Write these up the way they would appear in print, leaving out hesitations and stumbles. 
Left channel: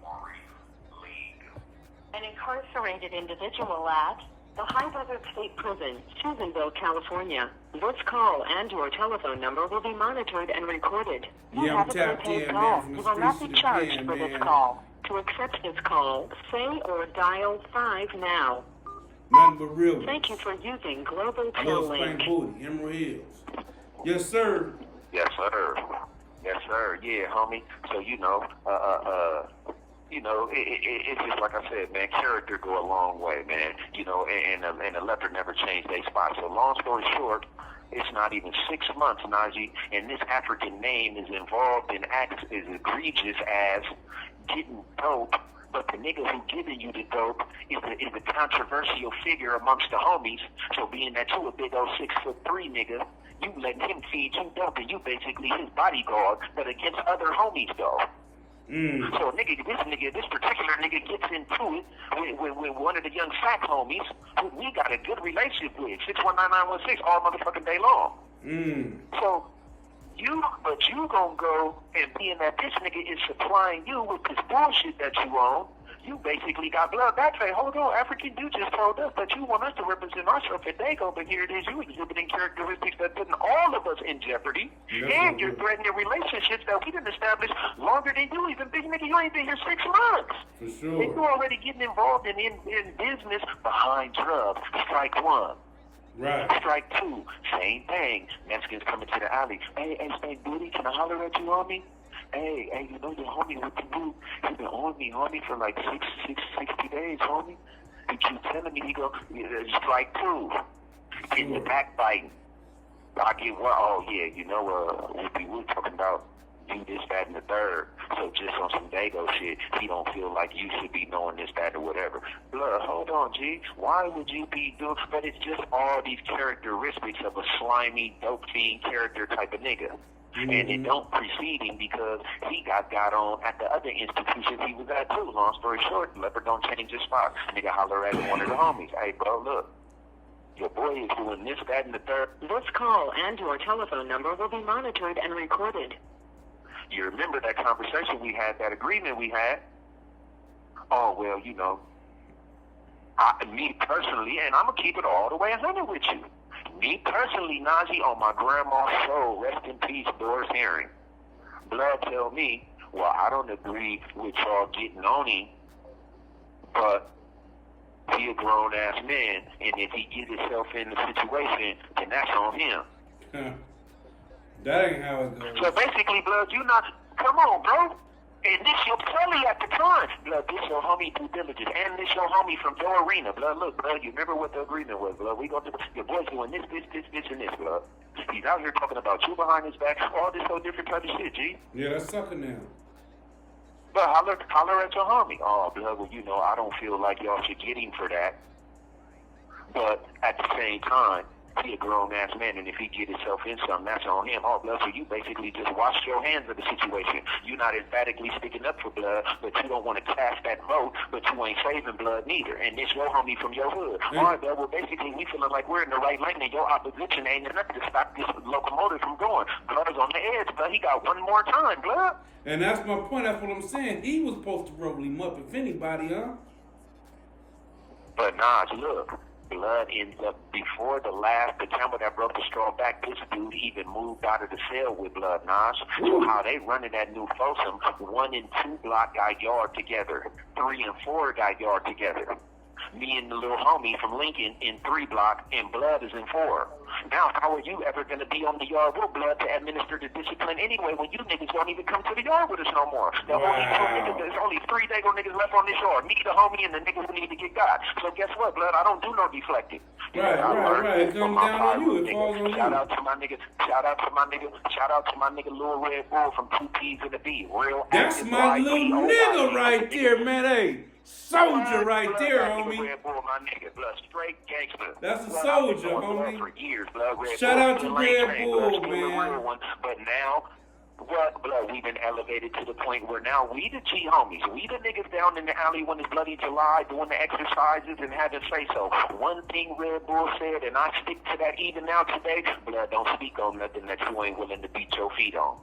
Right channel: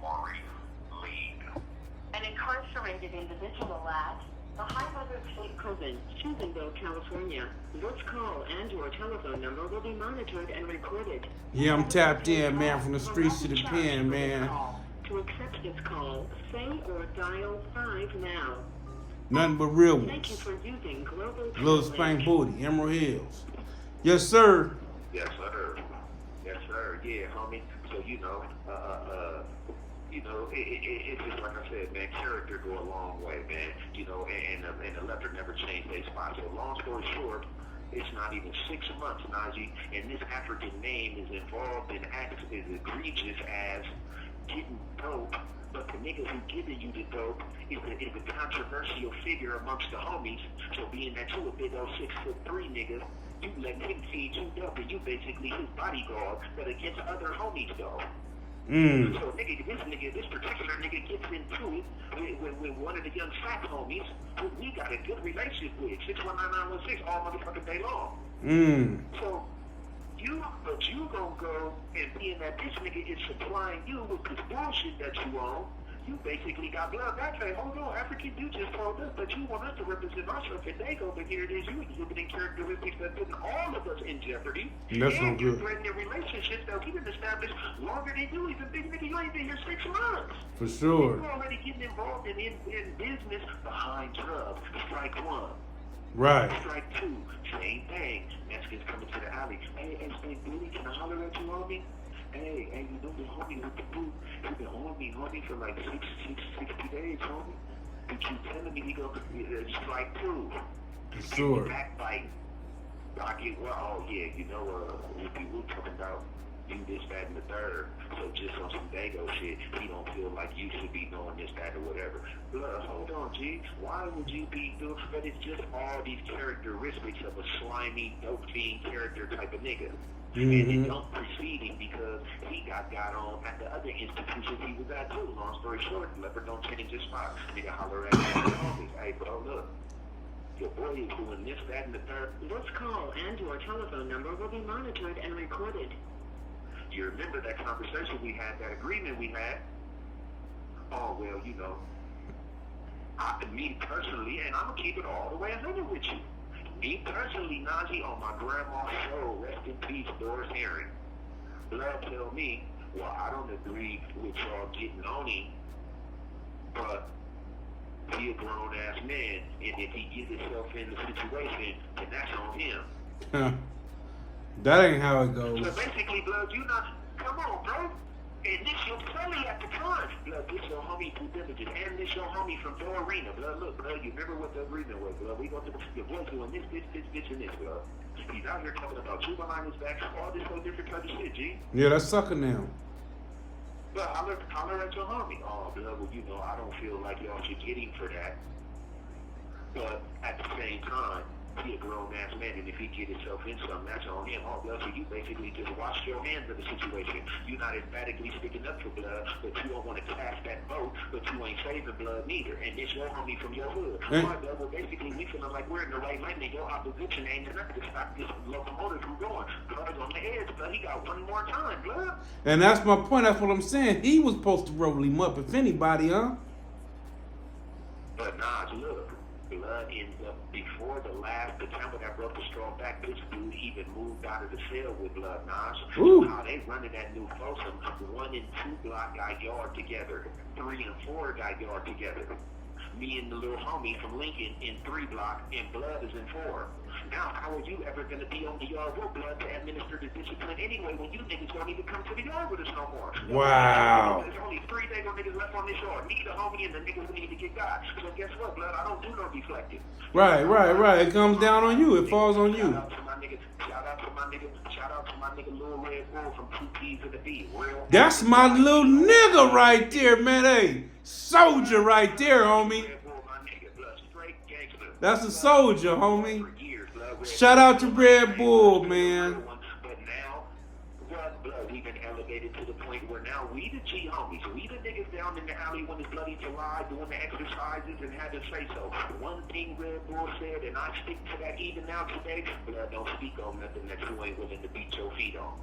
from an incarcerated individual at the High Desert State Prison, Susanville, California. This call and/or telephone number will be monitored and recorded. Yeah, I'm tapped in, man, from the You will streets not to be the charged pen, for this man. call. To accept this call, say or dial 5 now. Nothing but real ones. Thank you for using Global Little Tel Spain Link. Booty, Emerald Hills. Yes, sir. Yes, sir. Yes, sir. Yeah, homie. So, it's just like I said, man, character go a long way, man. And the leopard never changed their spot. So long story short, it's not even 6 months, Najee, and this African name is involved in acts as egregious as getting dope, but the nigga who giving you the dope is the controversial figure amongst the homies. So being that you a big old 6'3" nigga, you letting him feed you dope, and you basically his bodyguard, but against other homies though. So this particular nigga gets into it with one of the young sack homies who we got a good relationship with, 619-916 all motherfucking day long. So you gonna go and being that this nigga is supplying you with this bullshit that you own, you basically got blood back. Say, hold on, African dude just told us that you want us to represent ourselves at Dago, but here it is, you exhibiting characteristics that putting all of us in jeopardy, and you're threatening relationships that we didn't establish longer than you even. Big nigga, you ain't been here 6 months. For sure. And you already getting involved in business behind drugs. Strike one. Right. Strike two, same thing. Mexicans coming to the alley. Hey, Stank Booty, can I holler at you, homie? Hey, you know your homie with the boot. He been on me, homie, for like 60 days, homie. He keep telling me, he go, strike two. Getting the backbiting. I get one, oh yeah, we're talking about you this, that, and the third. So just on some Dago shit, he don't feel like you should be knowing this, that, or whatever. Blood, hold on, G. Why would you be doing? But it's just all these characteristics of a slimy, dope fiend character type of nigga. And it don't precede him because he got on at the other institutions he was at too. Long story short, the leopard don't change his spot. Nigga holler at one of the homies. Hey, bro, look. Your boy is doing this, that, and the third. This call and/or telephone number will be monitored and recorded. You remember that conversation we had, that agreement we had? Oh, well, me personally, and I'm going to keep it all the way 100 with you. Me personally, Najee, on my grandma's soul, rest in peace, Doris Herring. Blood tell me, well, I don't agree with y'all getting on him, but he a grown-ass man, and if he gets himself in the situation, then that's on him. That ain't how it goes. So basically, Blood, come on, bro. And this your Sully at the time. Blood, this your homie through diligence. And this your homie from Dorina. Blood, look, blood, you remember what the agreement was, blood. We go to your boy's doing this, and this, blood. He's out here talking about you behind his back, all this whole different type of shit, G. Yeah, that's sucker now. But holler at your homie. Oh, blood, well, I don't feel like y'all should get him for that. But at the same time, he a grown-ass man, and if he get himself in something, that's on him. Oh, blood, so you basically just wash your hands of the situation. You're not emphatically sticking up for blood, but you don't want to cast that vote, but you ain't saving blood neither. And this your homie from your hood. All right, blood, well, basically, we feeling like we're in the right lane, and your opposition ain't enough to stop this locomotive from going. Blood is on the edge, but he got one more time, blood. And that's my point. That's what I'm saying. He was supposed to roll him up, if anybody, huh? But, Nas, look. Blood ends up before the time when I broke the straw back, this dude even moved out of the cell with Blood, Nas. So how they running that new Folsom, 1 and 2 block got yard together, 3 and 4 got yard together. Me and the little homie from Lincoln in 3 block, and Blood is in 4. Now, how are you ever going to be on the yard with Blood to administer the discipline anyway when you niggas don't even come to the yard with us no more? Wow. There's only 3 Dago niggas left on this yard. Me, the homie, and the niggas who need to get got. So guess what, Blood? I don't do no deflecting. Right. It comes down on you. It falls on you. Shout out to my nigga Lil Red Bull from 2 P's and a B. That's my little nigga right there, man. Hey, soldier right there, homie. Straight gangster. That's a soldier, homie. For years, blood. Shout out to Red Bull, man. But now, blood, we've been elevated to the point where now we the G homies. We the niggas down in the alley when it's bloody July doing the exercises and having say so. One thing Red Bull said, and I stick to that even now today, blood, don't speak on nothing that you ain't willing to beat your feet on.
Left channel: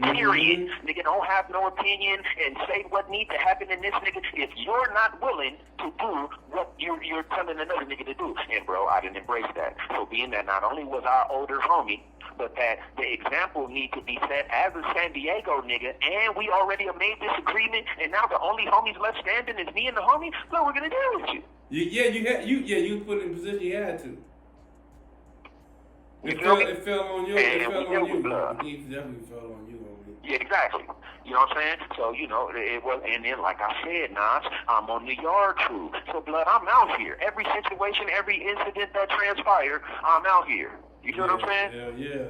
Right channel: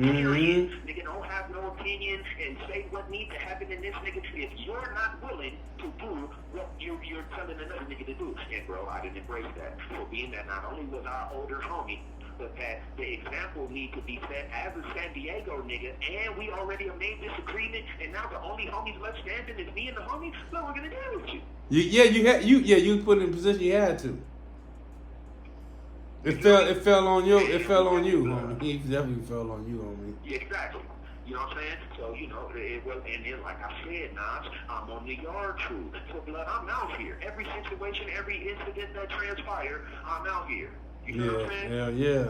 Period. Nigga don't have no opinion and say what needs to happen in this nigga if you're not willing to do what you're telling another nigga to do. And bro, I didn't embrace that. So being that not only was our older homie, but that the example need to be set as a San Diego nigga, and we already have made this agreement, and now the only homies left standing is me and the homie. What we're gonna do with you? You put in a position you had to. It fell on you. It fell on you. He definitely fell on you, homie. Yeah, exactly. You know what I'm saying? So, you know, it was, and then like I said, Nas, I'm on the yard crew. So, blood, I'm out here. Every situation, every incident that transpired, I'm out here. You know what I'm saying? Yeah.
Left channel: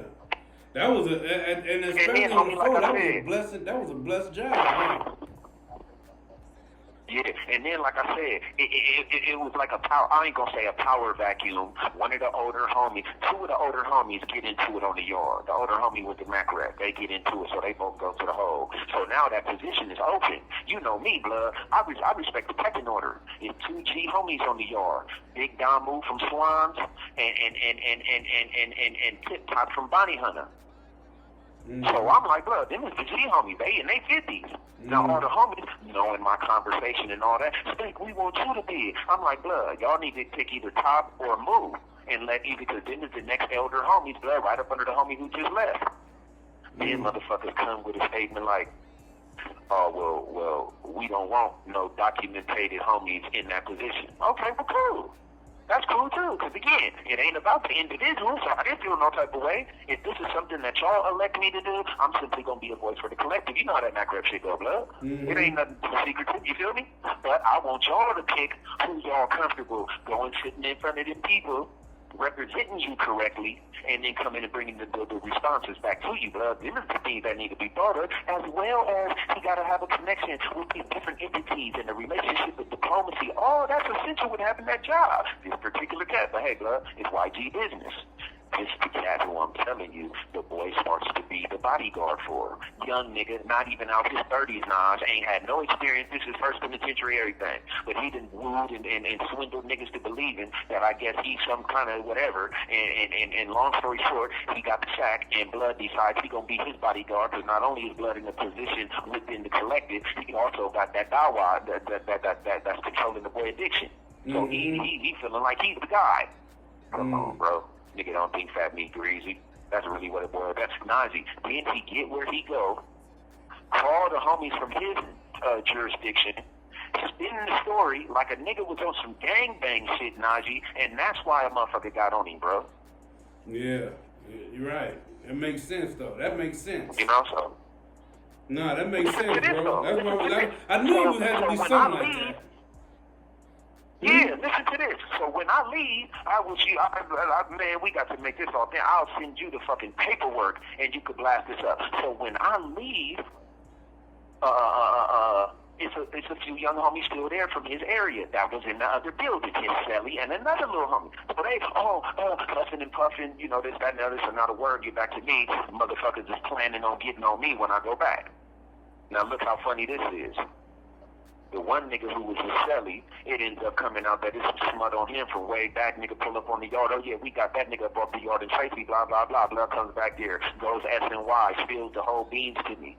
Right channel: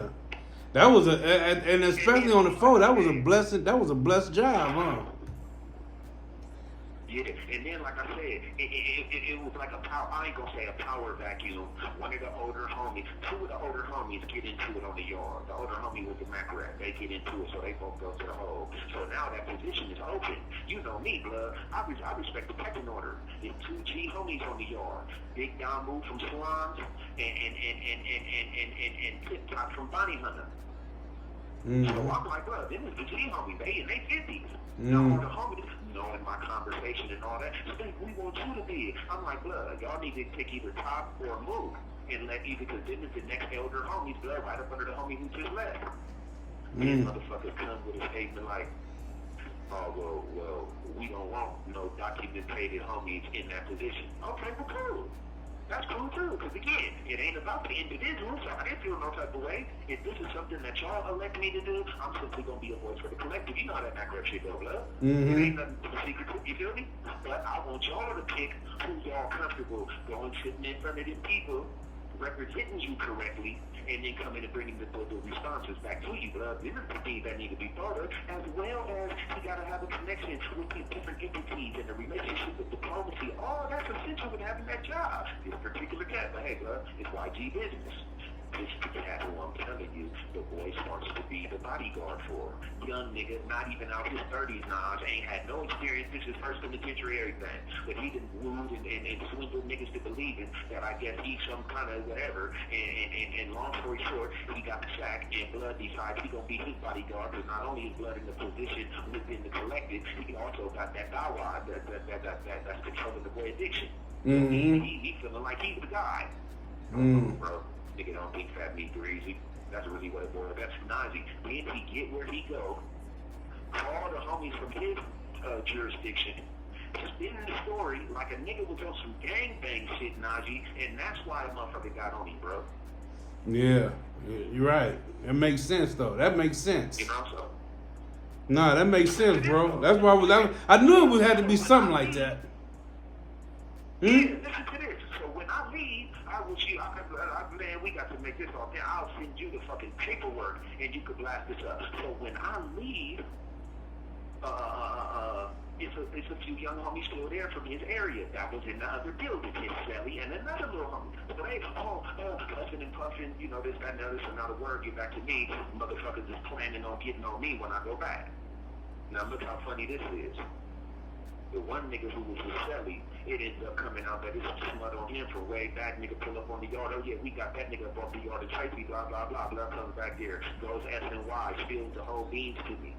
That was and especially on the phone, that was a blessing. That was a blessed job, man. Yeah, and then like I said, it was like a power. I ain't gonna say a power vacuum. One of the older homies, two of the older homies get into it on the yard. The older homie with the Mac rep, they get into it, so they both go to the hole. So now that position is open. You know me, blood. I respect the pecking order. It's two G homies on the yard. Big Don Move from Swans and Tip Top from Bounty Hunter. So I'm like, bro, them is the G homies. They in their 50s. Now all the homies, knowing my conversation and all that, think we want you to be. I'm like, blood, y'all need to pick either Top or Move and let either, because then is the next elder homies, blood, right up under the homie who just left. Then motherfuckers come with a statement like, oh, well, we don't want no documented homies in that position. Okay, well, cool. That's cool too, because again, it ain't about the individual, so I didn't feel no type of way. If this is something that y'all elect me to do, I'm simply gonna be a voice for the collective. You know how that Mac rep shit go, blood. It ain't nothing secretive, you feel me? But I want y'all to pick who y'all comfortable going sitting in front of them people, representing you correctly, and then coming and bringing the responses back to you, blood. These are the things that need to be thought of, as well as he got to have a connection with these different entities and the relationship with diplomacy. All that's essential with having that job. This particular cat, but hey, blood, it's YG business. This the cat who I'm telling you, the boy starts to be the bodyguard for. Young nigga, not even out his 30s, Nas, ain't had no experience. This is first penitentiary, everything. But he done wooed and swindled niggas to believing that I guess he's some kind of whatever. And long story short, he got the sack, and Blood decides he gonna be his bodyguard, because not only is Blood in a position within the collective, he also got that dawa that's controlling the boy addiction. So he feeling like he's the guy. Come on, bro. Nigga don't think fat meat greasy. That's really what it was. That's Nazi. Then he get where he go, call the homies from his jurisdiction, spin the story like a nigga was on some gangbang shit, Najee, and that's why a motherfucker got on him, bro. Yeah, you're right. That makes sense, though. That makes sense. You know, so. Nah, that makes sense, bro. That's why I knew it had to be something like that. Yeah, listen to this. So when I leave, man, we got to make this all down. I'll send you the fucking paperwork, and you could blast this up. So when I leave, it's a few young homies still there from his area that was in the other building, his Sally and another little homie. So they, puffing and puffing, you know, this, that, and the other. So not a word get back to me. Motherfuckers is planning on getting on me when I go back. Now look how funny this is. The one nigga who was his Sally, it ends up coming out that it's just mud on him from way back. Nigga pull up on the yard. Oh yeah, we got that nigga up off the yard in Tracy. Blah blah blah. Blood comes back there, goes S&Y, spills the whole beans to me.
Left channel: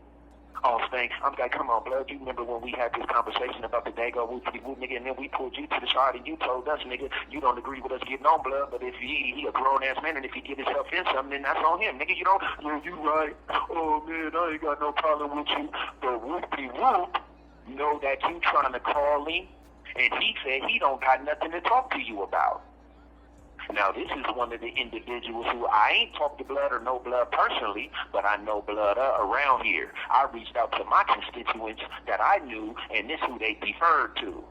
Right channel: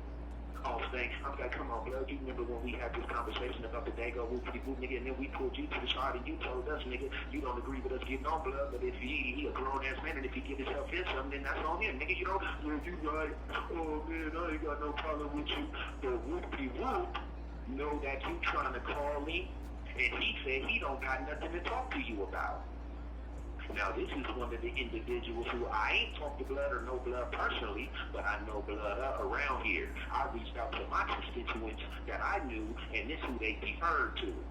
All stank. I'm like, come on, blood. You remember when we had this conversation about the Dago whoop, nigga, and then we pulled you to the side and you told us, nigga, you don't agree with us getting on, blood. But if he a grown ass man, and if he get himself in something, then that's on him, nigga. You know, you right. Oh man, I ain't got no problem with you. But whoopie whoop. Know that you trying to call him, and he said he don't got nothing to talk to you about. Now, this is one of the individuals who I ain't talked to Blood or no Blood personally, but I know Blood around here. I reached out to my constituents that I knew, and this is who they deferred to.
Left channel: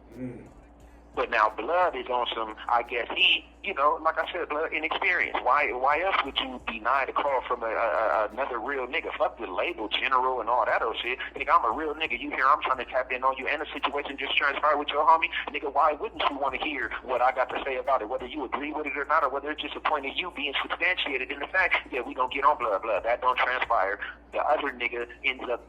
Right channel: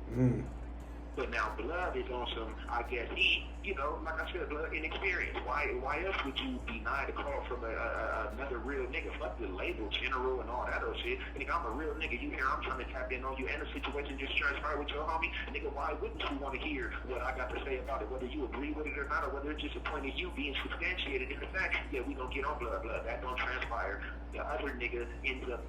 But now Blood is on some, I guess he, you know, like I said, Blood, inexperienced. Why else would you deny the call from another real nigga? Fuck the label, general, and all that old shit. Nigga, I'm a real nigga. You hear I'm trying to tap in on you, and the situation just transpired with your homie. Nigga, why wouldn't you want to hear what I got to say about it? Whether you agree with it or not, or whether it's just a point of you being substantiated in the fact that we gonna get on Blood. That don't transpire. The other nigga ends up,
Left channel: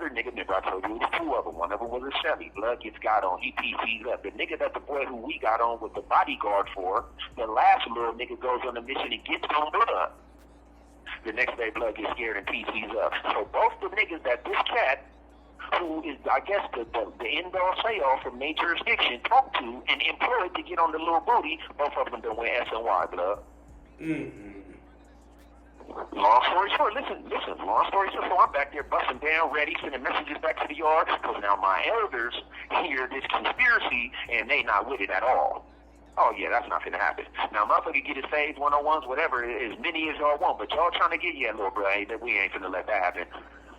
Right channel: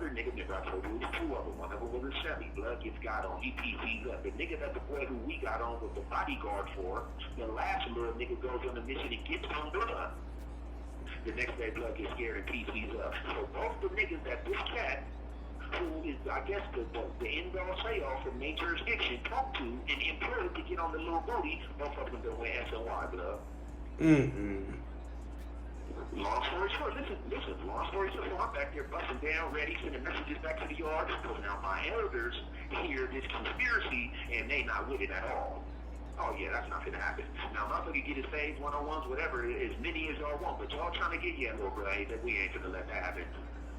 remember I told you, it was two of them. One of them was a Chevy. Blood gets got on. He PC's up. The nigga that the boy who we got on with the bodyguard for, the last little nigga goes on a mission and gets on Blood. The next day, blood gets scared and PC's up. So both the niggas that this cat, who is, I guess, the end-all say-all from their jurisdiction, talked to and employed to get on the little booty, both of them done went S&Y, blood. Mm-mm. Long story short, listen, long story short, so I'm back there busting down, ready, sending messages back to the yard, because now my elders hear this conspiracy, and they not with it at all. Oh, yeah, that's not gonna happen. Now, motherfucker get his phase 101s, whatever, as many as y'all want, but y'all trying to get, yeah, little bro, hey, that we ain't finna let that happen.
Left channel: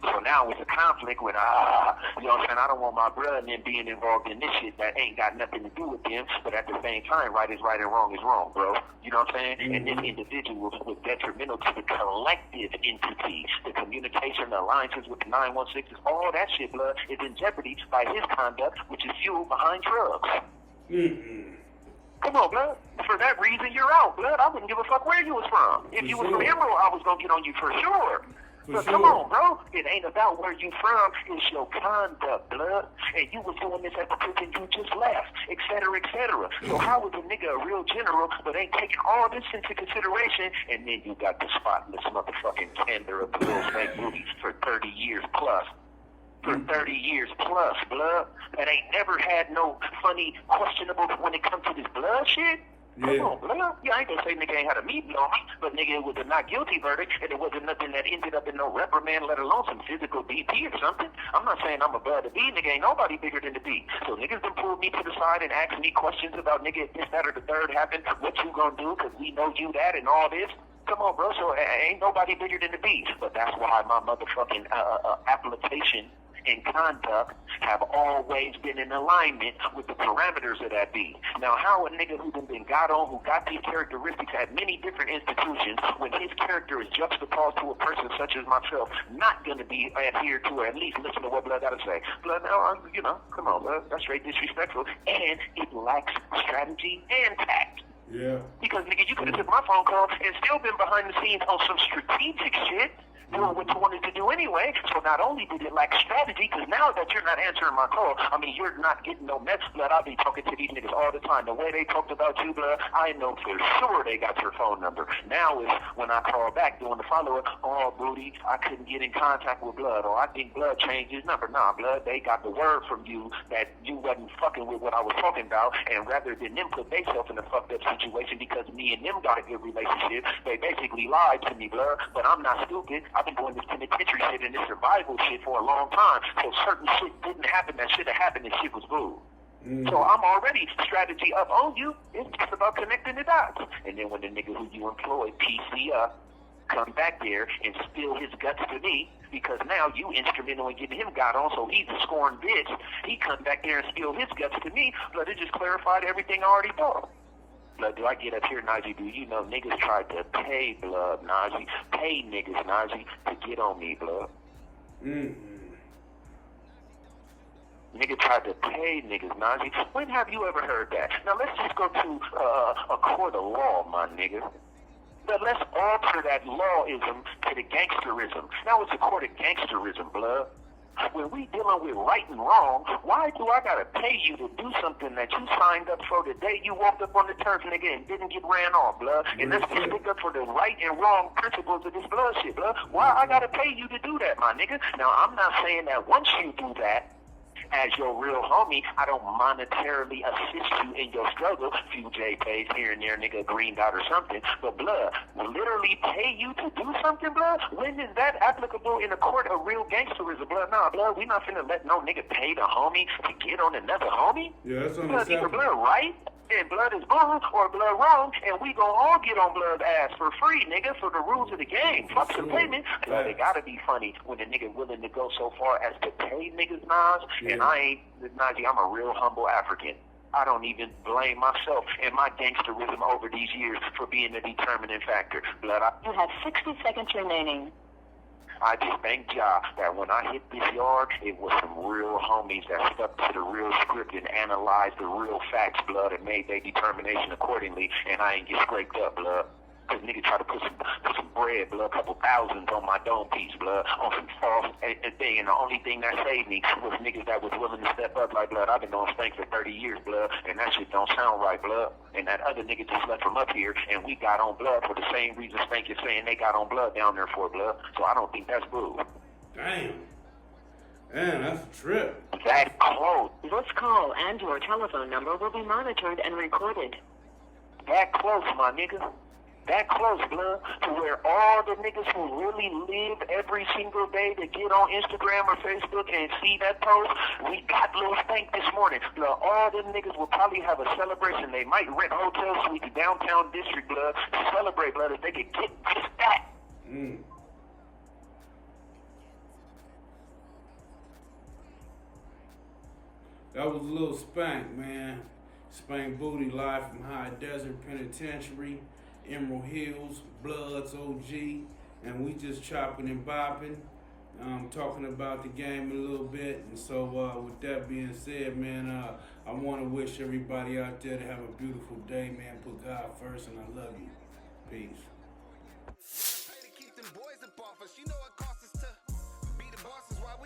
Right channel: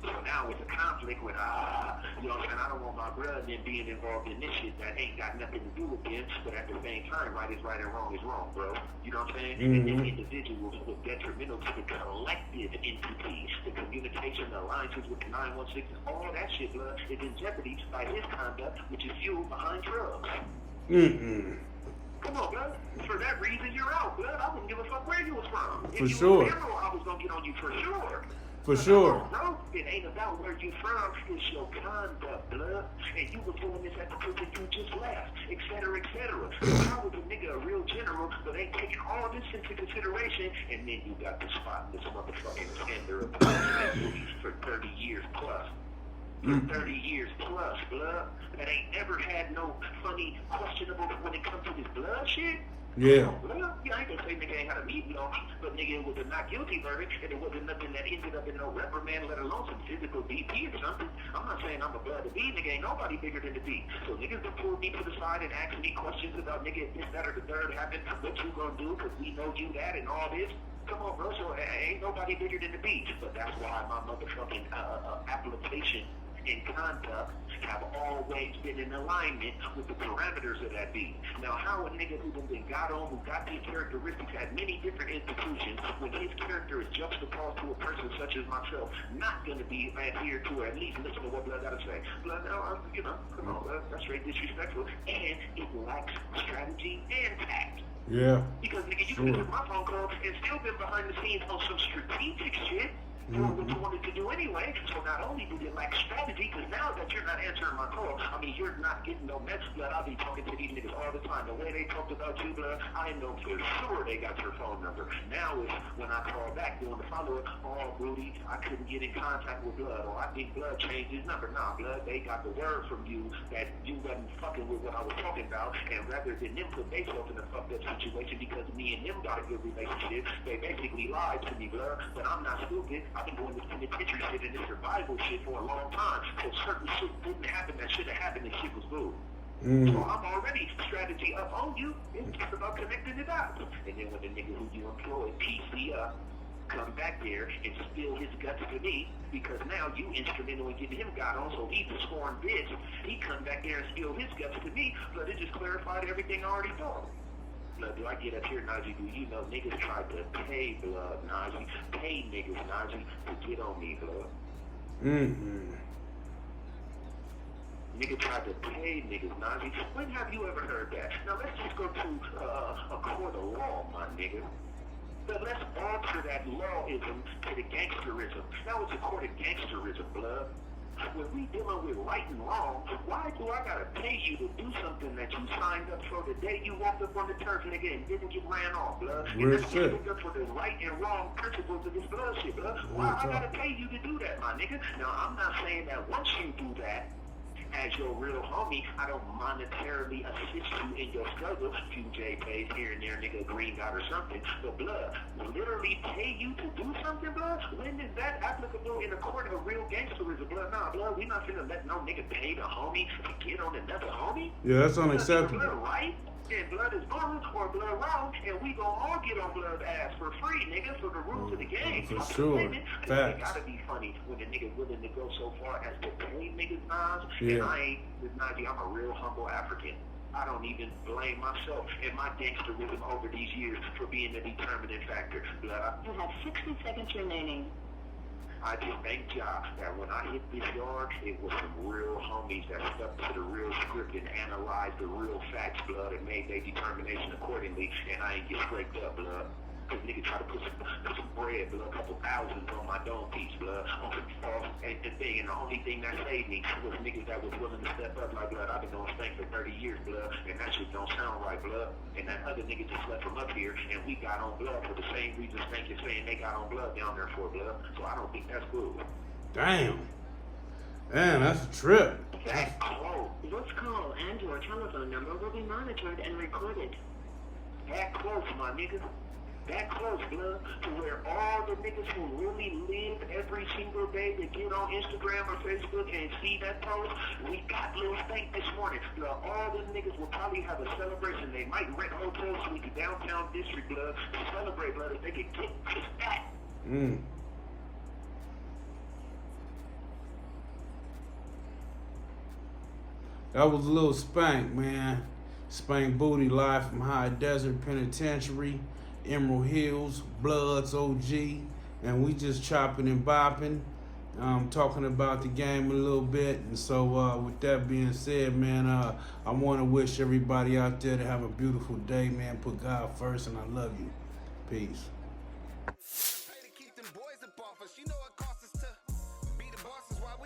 So now it's a conflict with, you know what I'm saying, I don't want my brother and them being involved in this shit that ain't got nothing to do with them, but at the same time, right is right and wrong is wrong, bro. You know what I'm saying? Mm-hmm. And then individuals was detrimental to the collective entity, the communication, the alliances with the 916s, all that shit, blood, is in jeopardy by his conduct, which is fueled behind drugs. Mm-mm. Come on, blood. For that reason, you're out, blood. I wouldn't give a fuck where you was from. If you was from Emerald, I was gonna get on you for sure. For Come sure. on, bro. It ain't about where you from. It's your conduct, blood. And you was doing this at the prison you just left, et cetera, et cetera. So how is a nigga a real general, but ain't taking all this into consideration, and then you got the spotless motherfucking tender of the real estate movie for 30 years plus. For 30 years plus, blood. That ain't never had no funny, questionable when it comes to this blood shit. Yeah. Come on, blood. Yeah, I ain't gonna say nigga ain't had a meeting on me, but nigga, it was a not guilty verdict, and it wasn't nothing that ended up in no reprimand, let alone some physical DP or something. I'm not saying I'm above the B, nigga, ain't nobody bigger than the B. So niggas done pulled me to the side and asked me questions about, nigga, if this, that, or the third happened, what you gonna do, because we know you that and all this. Come on, bro, so ain't nobody bigger than the B. But that's why my motherfucking application and conduct have always been in alignment with the parameters of that B. Now, how a nigga who done been got on, who got these characteristics at many different institutions, when his character is juxtaposed to a person such as myself, not going to be adhered to, or at least listen to what Blood got to say. Blood, now, you know, come on, Blood, that's straight disrespectful, and it lacks strategy and tact. Yeah. Because, nigga, you could have took my phone call and still been behind the scenes on some strategic shit, doing what you wanted to do anyway. So not only did it lack strategy, because now that you're not answering my call, I mean, you're not getting no message, Blood. I'll be talking to these niggas all the time. The way they talked about you, Blood, I know for sure they got your phone number. Now is when I call back doing the follow-up, oh, Booty, I couldn't get in contact with Blood, or I think Blood changed his number. Nah, Blood, they got the word from you that you wasn't fucking with what I was talking about, and rather than them put themselves in a fucked up situation because me and them got a good relationship, they basically lied to me, Blood. But I'm not stupid. I've been doing this penitentiary shit and this survival shit for a long time. So certain shit didn't happen that should have happened and shit was boo. So I'm already strategy up on you. It's just about connecting the dots. And then when the nigga who you employed, PC up, come back there and spill his guts to me, because now you instrumental in getting him got on, so he's a scorned bitch. He come back there and spill his guts to me, but it just clarified everything I already thought. Blood, do I get up here, Najee? Do you know niggas tried to pay, Blood, Najee? Pay niggas, Najee, to get on me, Blood. Nigga tried to pay niggas, Najee. When have you ever heard that? Now let's just go to a court of law, my nigga. But let's alter that lawism to the gangsterism. Now it's a court of gangsterism, Blood. When we dealing with right and wrong, why do I gotta pay you to do something that you signed up for the day you walked up on the turf, nigga, and didn't get ran off, Blood? And let's just stick up for the right and wrong principles of this blood shit, Blood. Why I gotta pay you to do that, my nigga? Now, I'm not saying that once you do that, as your real homie, I don't monetarily assist you in your struggle. Few J-Pays here and there, nigga, green dot or something. But, Blood, literally pay you to do something, Blood? When is that applicable in a court of real gangsterism, Blood? Nah, Blood, we not finna let no nigga pay the homie to get on another homie. Yeah, that's unacceptable. Blood, right? And Blood is blue or Blood wrong, and we gonna all get on Blood's ass for free, nigga, for the rules of the game. For Fuck sure. the payment. It gotta be funny when a nigga willing to go so far as to pay niggas, Nas. Yeah. And I ain't, Najee, I'm a real humble African. I don't even blame myself and my gangsterism over these years for being the determining factor. Blood, You have 60 seconds remaining. I just thank God that when I hit this yard, it was some real homies that stuck to the real script and analyzed the real facts, Blood, and made their determination accordingly, and I ain't get scraped up, Blood. Cause niggas try to put some bread, blood, a couple thousands on my dome piece, blood, on some false thing. And the only thing that saved me was niggas that was willing to step up like, blood, I've been doing Stank for 30 years, blood, and that shit don't sound right, blood. And that other nigga just left from up here, and we got on blood for the same reason Stank is saying they got on blood down there for, blood. So I don't think that's bull. Damn. Damn, that's a trip. That close. This call and your telephone number will be monitored and recorded. That close, my nigga. That close, blood, to where all the niggas who really live every single day to get on Instagram or Facebook and see that post, we got Lil Stank this morning. Blood, all them niggas will probably have a celebration. They might rent hotel suites downtown district, blood, to celebrate, blood, if they could get just that. That was a little Spank, man. Spank Booty live from High Desert Penitentiary, Emerald Hills, Bloods OG, and we just chopping and bopping, talking about the game a little bit. And so with that being said, man, I want to wish everybody out there to have a beautiful day, man. Put God first, and I love you. Peace. Pay to keep them boys up off us. You know it costs us to be the bosses while